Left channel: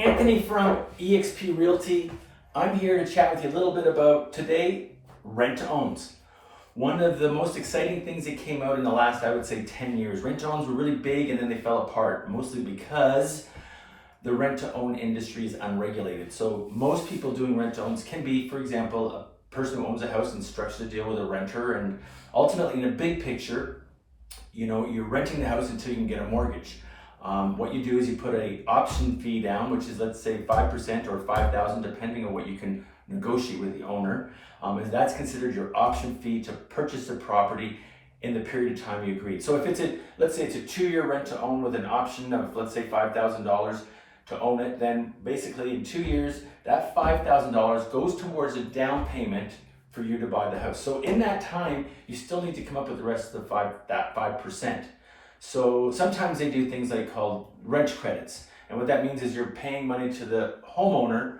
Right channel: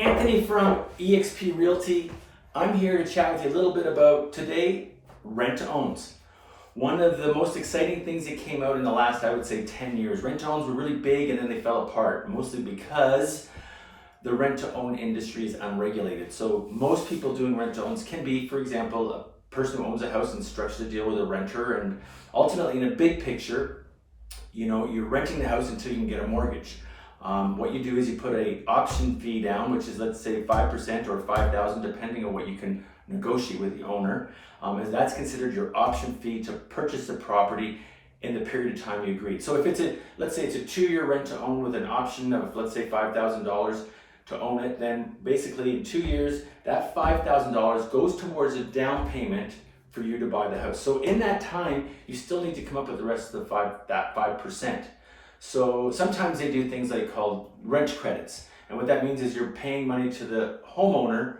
Anthony from eXp Realty. I'm here to chat with you a little bit about today, rent-to-owns. One of the most exciting things that came out in the last, I would say, 10 years. Rent-to-owns were really big and then they fell apart, mostly because the rent-to-own industry is unregulated. So most people doing rent-to-owns can be, for example, a person who owns a house and structures a deal with a renter, and ultimately in a big picture, you're renting the house until you can get a mortgage. What you do is you put a option fee down, which is, let's say, 5% or $5,000, depending on what you can negotiate with the owner. And that's considered your option fee to purchase the property in the period of time you agreed. So if let's say it's a 2-year rent to own with an option of, let's say, $5,000 to own it, then basically in 2 years, that $5,000 goes towards a down payment for you to buy the house. So in that time, you still need to come up with the rest of that 5%. So sometimes they do things like called rent credits. And what that means is you're paying money to the homeowner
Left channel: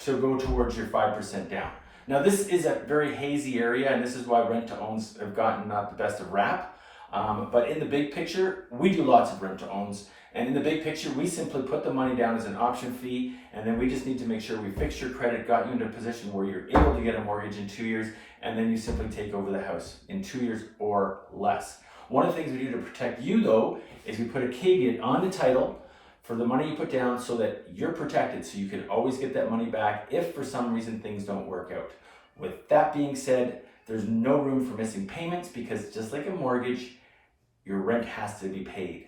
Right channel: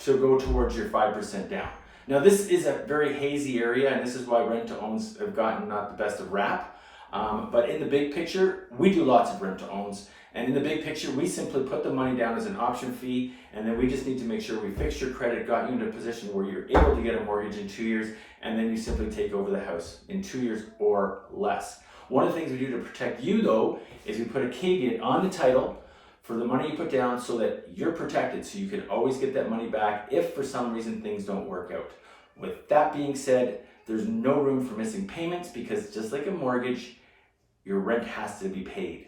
to go towards your 5% down. Now this is a very hazy area, and this is why rent-to-owns have gotten not the best of rap. But in the big picture, we do lots of rent-to-owns. And in the big picture, we simply put the money down as an option fee, and then we just need to make sure we fix your credit, got you into a position where you're able to get a mortgage in 2 years, and then you simply take over the house in 2 years or less. One of the things we do to protect you, though, is we put a caveat on the title for the money you put down so that you're protected, so you can always get that money back if for some reason things don't work out. With that being said, there's no room for missing payments, because just like a mortgage, your rent has to be paid.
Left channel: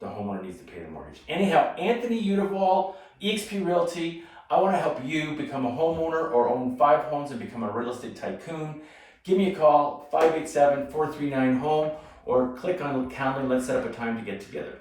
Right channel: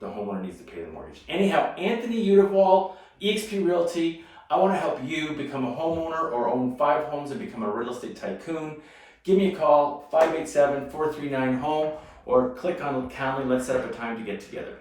The homeowner needs to pay the mortgage. Anyhow, Anthony Udavall, eXp Realty. I want to help you become a homeowner or own 5 homes and become a real estate tycoon. Give me a call, 587-439-HOME, or click on the calendar. Let's set up a time to get together.